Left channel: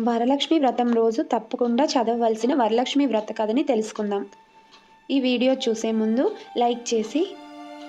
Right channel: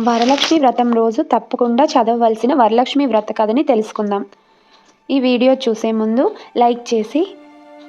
వరలక్ష్మి వ్రతం రోజు తప్పకుండా చదవవలసిన వరలక్ష్మి వ్రత కథని తెలుసుకుందాం. ఈ వీడియో చూసే ముందు లైక్ చేసి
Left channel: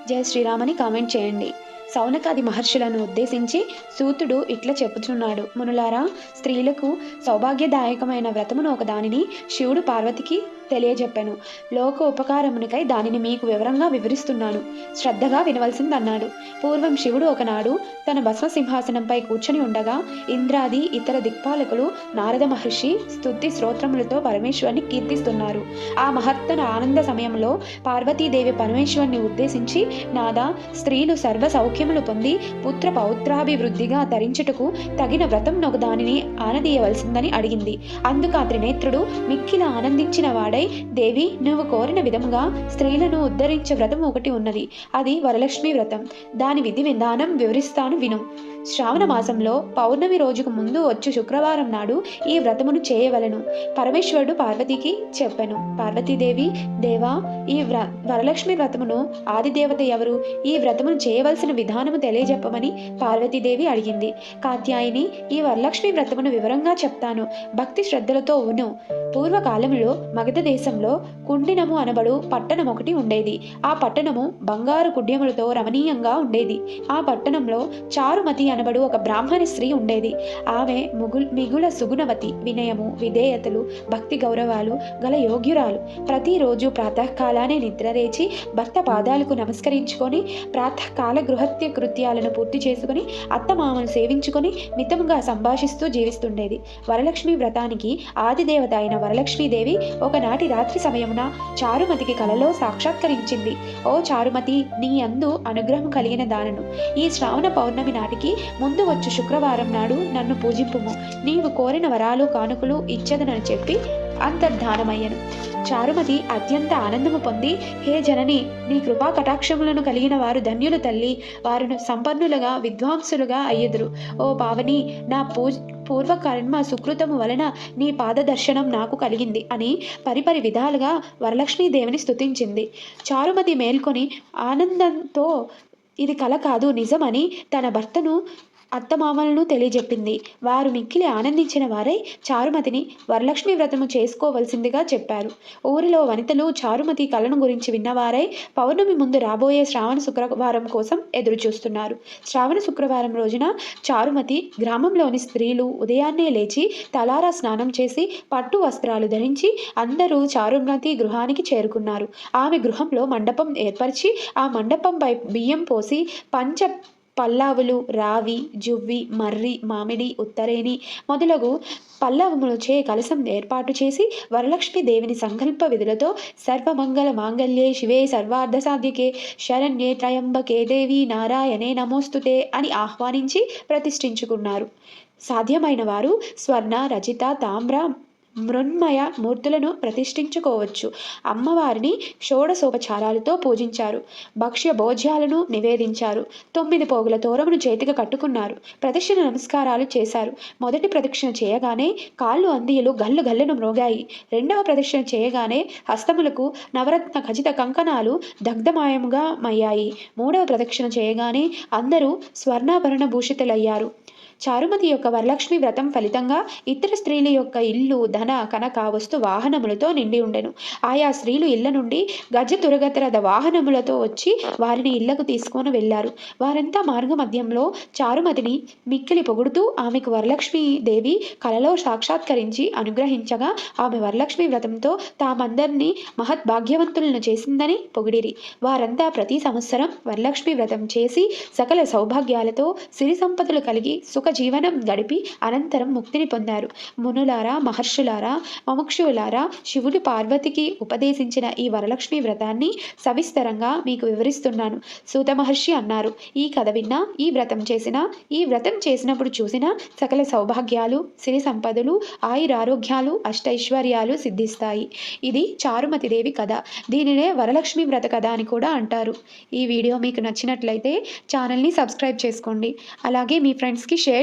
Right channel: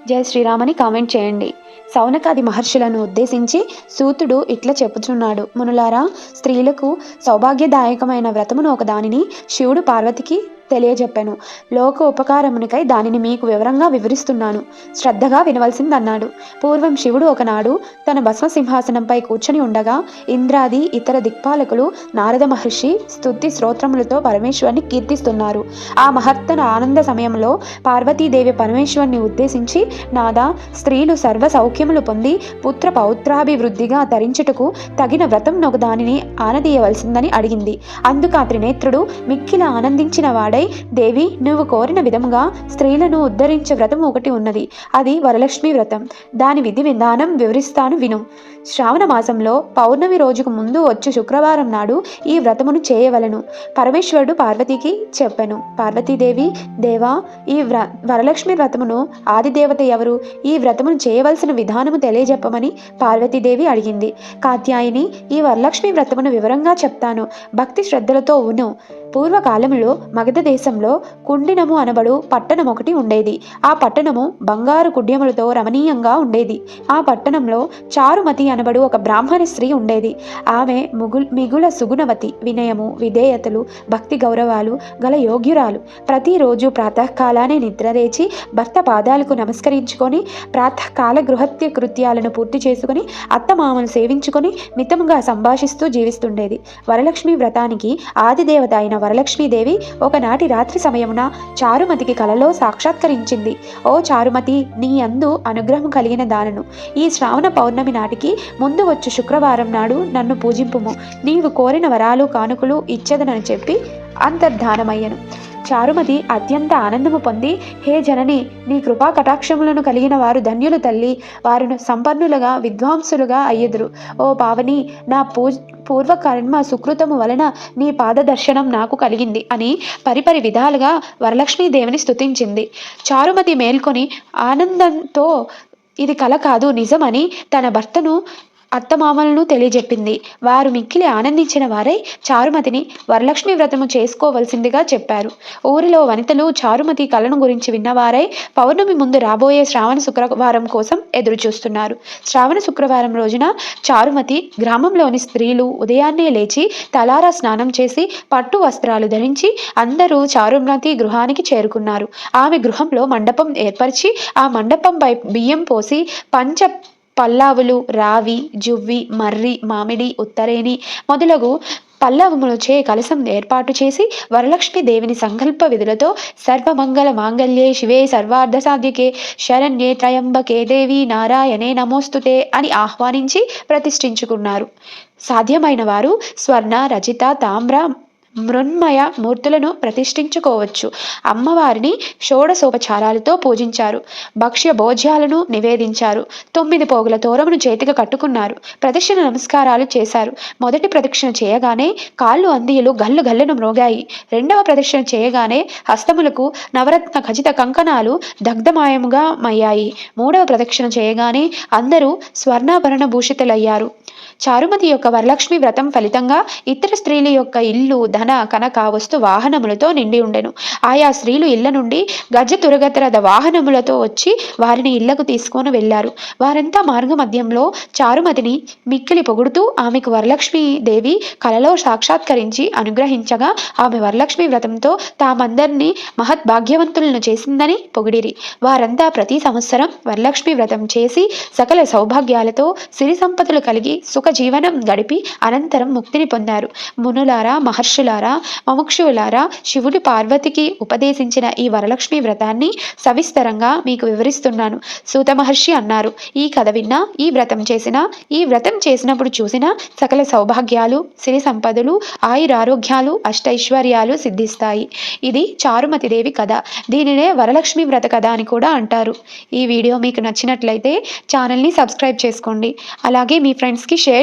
జై శ్రీరామని కామెంట్ చేయండి. సౌనకాది మహర్షులను ఉద్దేశించి సూతుడు ఇట్లా చెప్పుచున్నాడు. మునులారా స్త్రీలకు సౌభాగ్యదాయకమైన వ్రతమును ఒక దానిని శివుడు పార్వతికి తెలియజెప్పాను. లోక ఉపకారమునికై దానిని మీకు వివరంగా వివరిస్తున్నాను. శ్రద్ధగా వినవలసిందన్నాడు. పూర్వం శివుడు ఒకనాడు తన భస్మ సింహాసనంపై కూర్చొని ఉండగా ఇంద్రాది ఇతర దిక్పాలకులు నారద మహర్షి స్తుతి స్తోత్రములతో పరమేశ్వరుని కీర్తిస్తున్నారు. ఆ మహత్తన ఆనంద సమయంలో పార్వతీదేవి పరమేశ్వరుని ఉద్దేశించి నాదా స్త్రీలు సర్వ సౌఖ్యములు పొంది పుత్ర పౌత్రాభివృద్ధిగా ధరించుటకు తగిన వ్రతం నొక దానిని ఆనదీయవలసిందని అడిగింది. అందుకు ఆ త్రినేత్రుడు మిక్కిల ఆనందించిన వాడై దేవి నువ్వు కోరిన విధముగా స్త్రీలను ఉద్ధరించే వ్రతం ఒకటి ఉన్నది. అది వరలక్ష్మి వ్రతం. దాని విధి విధానం వివరిస్తాను విను. శ్రావణ మాసంలో పౌర్ణమి రోజుకు ముందు వచ్చే శుక్రవారం నాడు ఈ వ్రతమును చేయవలను. పరమేశ్వరుడు పార్వతికి చెప్పాను. పార్వతీదేవి దేవా ఈ వ్ర వరలక్ష్మి వ్రతమును ఆదిదేవత ఎవరు? ఈ వ్రతమును చేయవలసిన విధానము తెలియజెప్పమని పార్వతీదేవి అడిగింది. కాత్యాయిని ఈ వరలక్ష్మి వ్రతమును వివరంగా చెప్తాను. భక్తి శ్రద్ధలతో ఉను పూర్వకాలంలో మగధ దేశంలో కుండినము అనబడు పట్టణం ఒకటి ఉండేది. ఆ పట్టణము బంగారు కుడ్యములతో రమణీయంగా ఉండేది. ఆ పట్టణంలో చారుమతి అనబడు ఒక బ్రాహ్మణ స్త్రీ ఉండేది. ఆమె ముగుల్ మిగుల సుగుణవతి వినయము విధేయతలు భక్తి గౌరవాలు గల యోగ్యురాలు. ప్రతిరోజు ప్రాతకాలానే నిద్రలేచి భర్త పాదాలకు నమస్కరించుకొని ప్రాతకాల గృహత్య కృత్యాలను పూర్తి చేసుకుని అత్తమామను సేవించుకొని మితముగా సంభాషిస్తూ జీవిస్తుండేది. వరలక్ష్మి వ్రతానికి ఆదిదేవత అయిన వరలక్ష్మీదేవి ఒకనాటి రాత్రి సమయమున చారుమతికి కలలో సాక్షాత్కరించింది. ఓ చారుమతి నీ అందు అనుగ్రహం కలిగిన దానను. ఈ శ్రావణ పౌర్ణమి నాటికి ముందు వచ్చు శుక్రవారం నాడు నన్ను పూజింపుము. నీవు కోరిన వరాలు కానుకలు ఇచ్చదనని చెప్పి అంతర్ధానమయ్యను. చారుమతి అత్యంత ఆనందము పొంది హే జనని నీ కృపా కటాక్షములను కలిగిన వారు ధన్యులు తల్లి వారు సంపన్నులుగా విద్వాంసులుగా అయ్యెదురు. ఓ పావని నా పూజ పూర్వకర్మ సుకృతము వలన నీ పాదదర్శనం నాకు కలిగింది అని పరిపరి విధాలుగా వరలక్ష్మీదేవిని స్థుతించింది చారుమతి మేల్కొని ఆనందంతో ఇది కల కాదు నిజమని తన భర్తను అత్తమామలను తెలియజెప్పింది. వారు మిక్కిలి ఆనందించిన వారై చారుమతిని వరలక్ష్మి వ్రతము చేసుకోవలసిందిగా చెప్పారు. ఊరిలో వనితలు చారుమతి కళను గురించి విన్నవారై పౌర్ణమి ముందు రాబోయే శ్రావణ శుక్రవారం కోసం ఎదురుచూస్తున్నారు. శ్రావణ శుక్రవారం రోజున చారుమతి గ్రామంలోని స్త్రీలు ఉదయాన్నే లేచి తలారా స్నానం చేసి పట్టు వస్త్రాలు ధరించి అందరూ చారుమతి గృహానికి చేరుకున్నారు. ఆమె గృహంలో మండపం ఏర్పరిచి ఆ మండపంపై బియ్యం పోసి పంచ పల్లావులు రావి జువ్వి మర్రి మామిడి ఉత్తరేణి మొదలగు పల్లవములచే కలసం ఏర్పాటు చేసి వరలక్ష్మి దేవిని సంకల్ప విధులతో సర్వమంగళ మాంగళ్యే శివే సర్వార్థ సాధ్యకే శరణ్యే త్రయంబకే దేవి నారాయణే నమోస్తుతే అని ఆహ్వానించి ప్రతిష్ఠించుకున్నారు. సాధ్యమైన వారు స్వర్ణ రజిత తామ్ర మృన్మయ మూర్తులను ప్రతిష్ఠించుకోవచ్చు. అమ్మవారిని షోడశోపచారాలతో పూజించారు. భక్ష్య భోజ్యాలను నివేదించారు. తొమ్మిది పోగుల తోరమును చేతిగా కట్టుకున్నారు. ప్రదక్షిణ నమస్కారాలు చేశారు. మొదటి ప్రదక్షిణ చేయగానే కాళ్ళు అందియులు గల్లు గల్లును మ్రోగాయి రెండవ ప్రదక్షిణ చేయగానే హస్తములకు నవరత్న ఖచ్చిత కంకణాలు దగ్ధమాయముగా మయ్యాయి. మూడవ ప్రదక్షిణ చేయగానే అందరూ స్వర్ణాభరణ భూషితులయ్యారు. చారుమతి యొక్క వరలక్ష్మి వ్రతం ఫలితంగా ఇతర స్త్రీల యొక్క ఇల్లు ధన కనక వస్తు వాహనములతో నిండి ఉండెను. ఆయా స్త్రీలు ఇళ్ళ నుండి గజ తురగతరద వాహనములతో వచ్చి వారిని ఇళ్ళకు తీసుకొని వెళ్ళారు వారంతా మార్గ మధ్యంలో చారుమతిని మిక్కిలి పొగుడుతూ ఆమెకు వరలక్ష్మి దేవి కలలో సాక్షాత్కరించి అనుగ్రహించగా ఆమె వరలక్ష్మి వ్రతంతో తామందరినీ మహత్ భాగ్యవంతులను చేసిందని పొగిడిరి. వారంతా ప్రతి సంవత్సరం వరలక్ష్మి వ్రతం చేసి సకల సౌభాగ్యాలతో సిరి సంపదలు కలిగి సుఖ జీవనం గడిపి అనంతరం ముక్తిని పొందారు. మునులారా మహర్షులారా మముక్షులారా శివుడు పార్వతికి ఉపదేశించిన ఈ వరలక్ష్మి వ్రతాన్ని సవిస్తరంగా మీకు వివరిస్తున్నాను. సూత మహర్షి అన్నారు ఈ కథ విన్నా ఈ వ్రతం చేసిన ఈ వ్రతం చేసినప్పుడు చూసిన సకల సౌభాగ్యాలు సిరి సంపదలు ఆయురారోగ్యాలు అష్టైశ్వర్యాలు సిద్ధిస్తాయి. ఇది చారుమతి దేవి కథ. దీనినే వరలక్ష్మి వ్రత కథ అని కూడా అంటారు. ఈ వీడియో మీకు నచ్చినట్లయితే ఛానల్ని సబ్స్క్రైబ్ చేసుకోండి. అలాగే మీ ఫ్రెండ్స్కి షేర్